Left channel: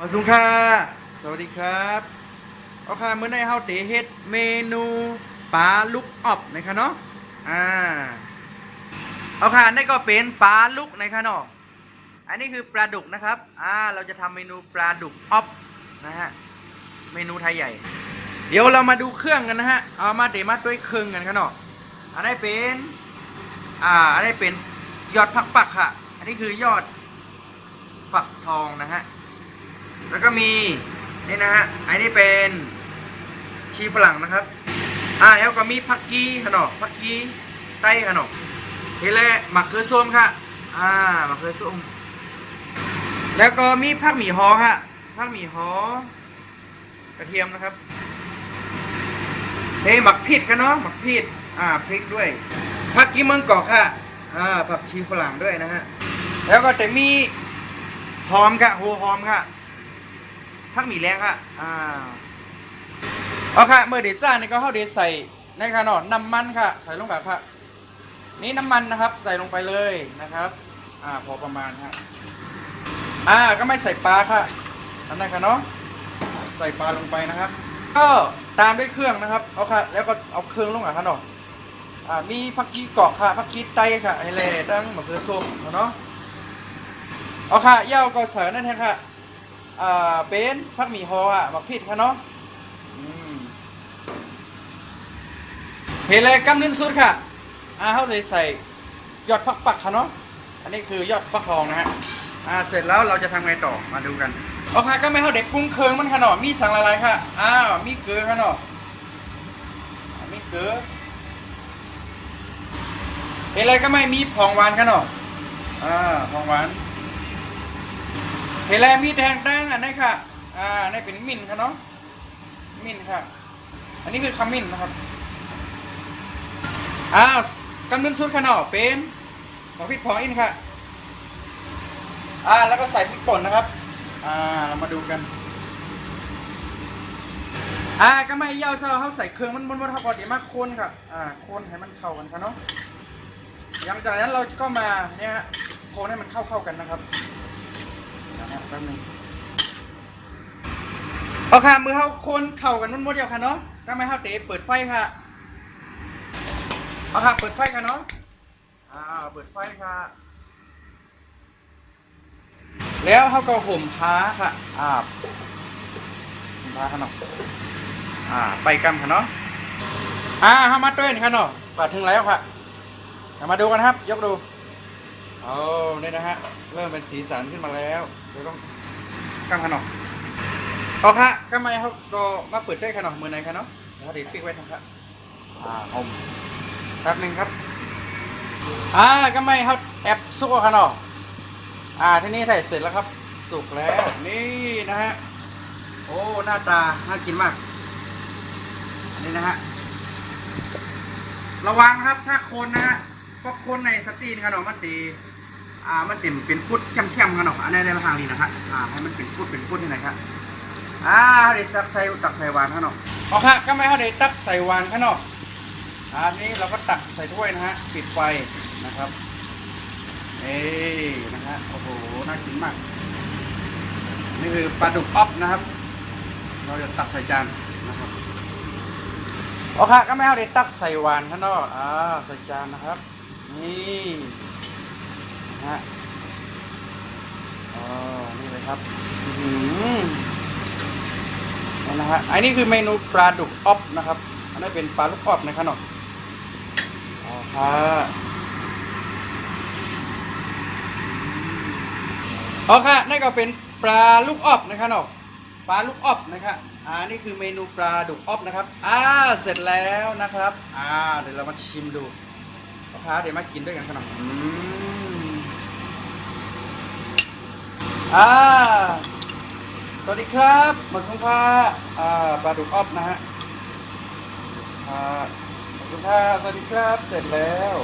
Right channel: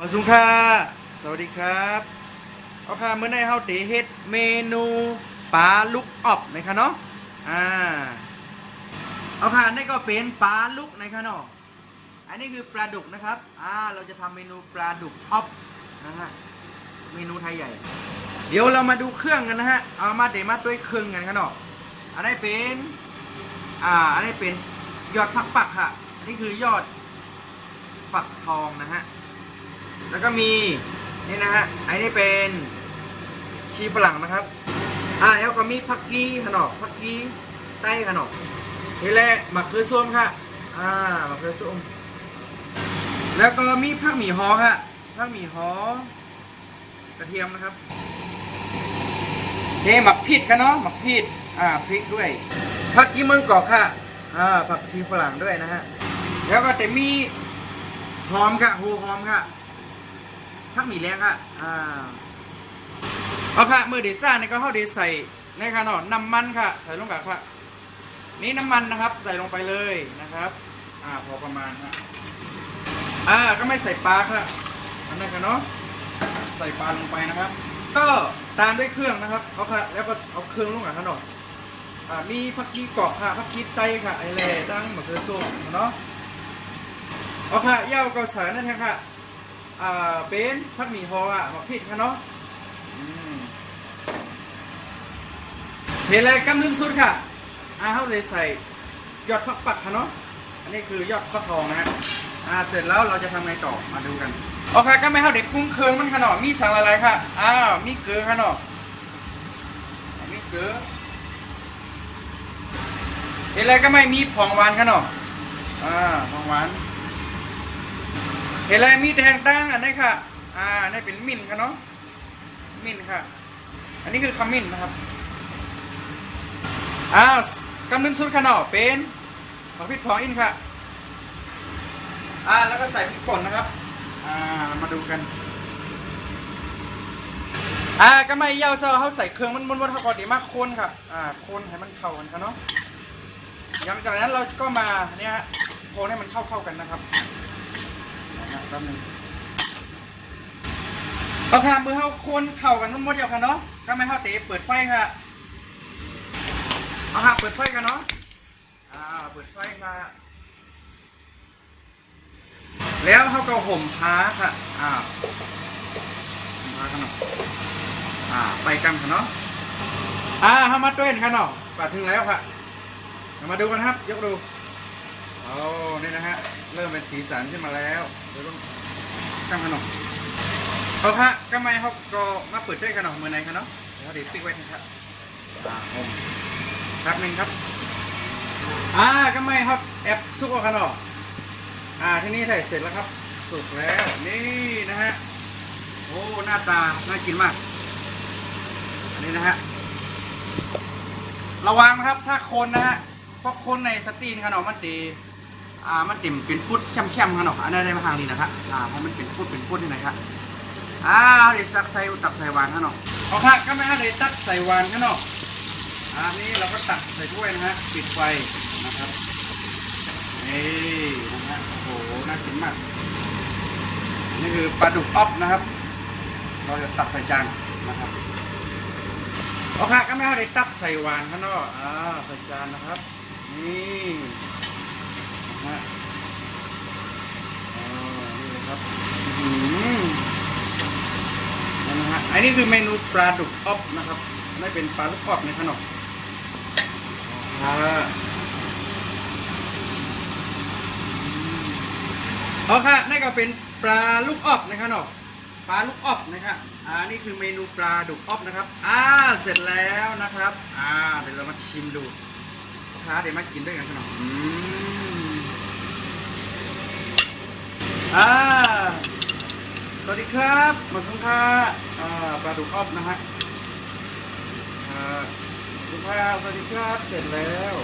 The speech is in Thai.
มาสุงค่ะสวัสดีครับเอาค่ะเมื่อในเฮาเตเฮ็ดเมนูปลาลูกออบนะคะเนาะอ่าเอาค่ะนี่ก็เป็นปลาลูกนะคะเนาะอันนี้คือปลาดุกนะครับเราจะทำเมนูปลาดุกออบนะฮะเมนูไทยใหญ่เดี๋ยวเรามาดูเครื่องกันนะฮะเอามาเดมัดด้วยเครื่องกันค่ะเนาะอันนี้เป็นอันนี้เป็นยอดผักปักค่ะอันนี้คือยอดฝักทองนะฮะแล้วก็มีนี่นะฮะอันนี้เป็นชีฝรั่งนะครับแล้วก็มีผักกีขนมผักกีไต้ขนมนี่แหละมะเขือส้มค่ะมะเขือส้มแล้วก็มีผักหมี่ฮอค่ะผักหมี่ฮอกระเทียมนะครับนี่หมักพริกค่ะเนาะหมักพริกพริกด้วยผักกีเมืองกอกค่ะผักชีฝรั่งด้วยนะฮะแล้วก็แต่มีหอมค่ะโหหอมค่ะผักหมี่แรงค่ะเอาค่ะเมื่อเดจ้านี่ก็เข้าเดใส่ในค่ะเนาะน้ำมันค่ะใส่ลงกับค่ะนี่น้ำมันนะครับใส่ลงไปเลยนะครับพอประมาณค่ะก็ไม่ใส่ปลาค่ะอันนั้นค่ะเนาะใส่ปลาลงไปนะครับก็ตามด้วยเครื่องนะครับเอาค่ะแล้วก็เอาเครื่องลงกับค่ะเนาะมีผักกีเกาะค่ะผักกีไตค่ะไอเล่ดังมะเขือส้มเนาะเอาค่ะย่าก็ใส่นั่นเองค่ะเป็นผักหมี่ฮอหมักพริกค่ะเนาะเห็นเลยกำนิ้นสุดค่ะเขาจะใส่ยอดผักปักค่ะเนาะอันนี้คือยอดฟักทองนะฮะเสร็จแล้วเราจะทำไงต่อมาดูกันโอเคก็ไม่เข้าเด็กปรุงเครื่องมันค่ะเนาะมีสั่งอะไรค่ะมีเกลือค่ะเนาะมีเกลือเห็นเลยก็ไม่มีผงหวานค่ะเนาะผงหวานเห็นแล้วมีแทงตั้งอันนี้ค่ะนี่เป็นมิ้นค่ะเนาะมิ้นค่ะอันนี้คือขมิ้นนะครับกำนึนสุดค่ะเนาะเป็นผักพริกผงอินค่ะแล้วก็ใส่พริกป่นนะครับเรามาดูกันก็ไม่เย่าเซาเขาใส่เครื่องมันเขาก่อนเดี๋ยวมาโคนค่ะโคนให้มันเข้ากันค่ะเนาะหลังจากนั้นเราก็มาเนี่ยฮะโคนให้มันเข้ากันนะครับแป๊บนึงเอาค่ะมือเข้าคนเข่ากันทั้งหมดเดียวค่ะเนาะก็ไม่เข้าเตะเปิดไฟค่ะเอาค่ะเปิดไฟค่ะเนาะเปิดไฟค่ะแล้วเขาก็ห่มผ้าค่ะห่มผ้าค่ะเนาะไปกันค่ะเนาะเขามัดด้วยค่ะเนาะปัดถึงแล้วค่ะมาดูกันครับยกดูนี่นะฮะเริ่มเป็นสีสันขึ้นมาแล้วเดี๋ยวก็กั้งขนมเอาฮะก็ไม่เขาก็มาเปิดได้ขนมมือไหนคะเนาะเดี๋ยวเดี๋ยวปิดไว้นะครับผมแป๊บนึงครับก็ไม่เขาแอบซุกเอาขนมที่นี่ถ่ายเสร็จแล้วครับสุกแล้วนี่นะฮะโอ้หน้าตาน่ากินมากนี่นะฮะระวังนะครับถ้าคนนะฮะเพราะคนในสตรีนขนมมันตีมันติ่มเป็นพุดแช่มๆกันหรอกอันนี้ได้มาทางนี้นะครับให้มันเป็นพุดนี่หน่อยครับเดี๋ยวตักใส่หวานข้างนอกเอาค่ะก็ไม่ให้เดี๋ยวตักใส่หวานข้างนอกอันนี้เราก็ตักใส่ถ้วยนะฮะปิดไฟนะครับนะฮะโอ้โหน่ากินมากนี่คือปลาดุกอ๊อบนะครับเราจะตักใส่จานนะครับเอาค่ะก็ไม่ให้เดี๋ยวตักใส่หวานข้างนอกใส่จานนะครับนี่นี่เลยครับนี่นะฮะอันนี้คือเมนูปลาดุกอ๊อบนะครับอันนี้เป็นปลาลูกอ๊อบในขนมค่ะนี่ก็เป็นปลาลูกอ๊อบในขนมปลาลูกอ๊อบนะครับนี่คือเมนูปลาดุกอ๊อบนะครับเสร็จแล้วนะครับเดี๋ยวเรามาชิมดูเดี๋ยวมากินด้วยกันขนมสวัสดีครับหมดสงค่าปลาดุกอ๊อบนะฮะหมดสงค่าสวัสดีครับเสร็จแล้ว